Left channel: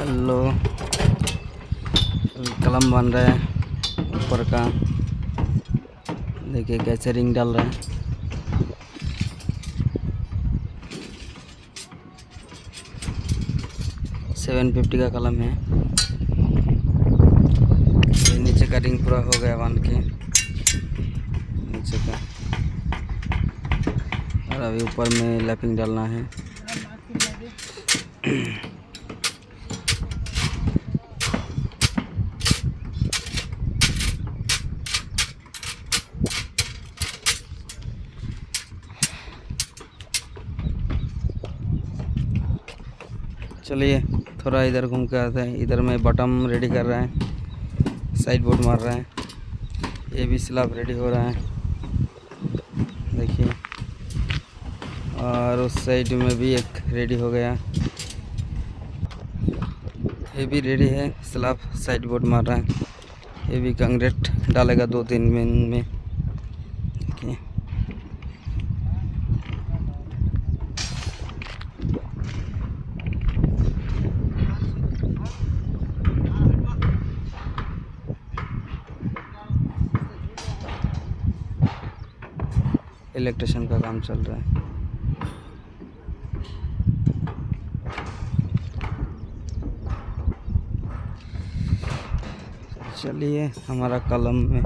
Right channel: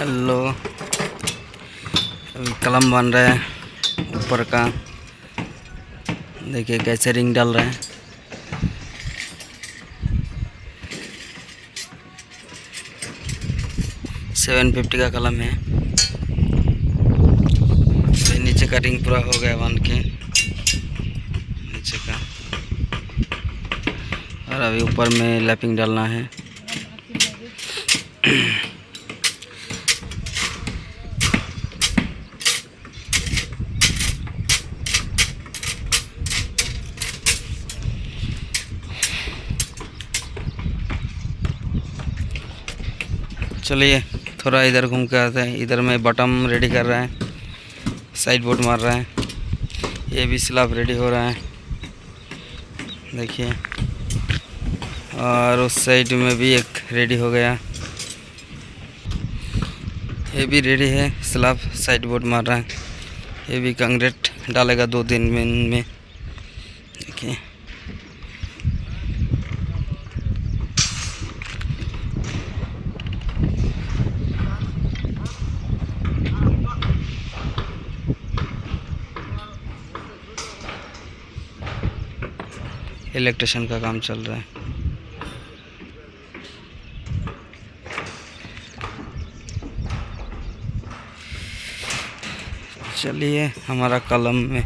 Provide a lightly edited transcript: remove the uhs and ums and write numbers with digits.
Hello, अभी कलम बन रहा है ऊपर का। देखिए कैसे रिंग डाल रहे हैं। $750 का कलम है। तो नीचे का रिंग पूरा हो गया बन के नीचे का, और अभी ऊपर में लैपिंग डालना है। चलिए थोड़ा इधर घूम के आते हैं। इधर में बटन रेडी कर रहा है, साइड बोर्ड मार रहा है। ये भी स्लैब रेडी हो रहा है, देखिए। और उस साइड में भी एक रेडी हो गया, ये भी रेडी है। स्लैब साइड बोर्ड मार रहा है। ये भी कंक्रीट डालेगा 2-3 दिन में, देखिए। इलेक्ट्रिशियन का काम चल रहा है। चलिए हमारा कलम में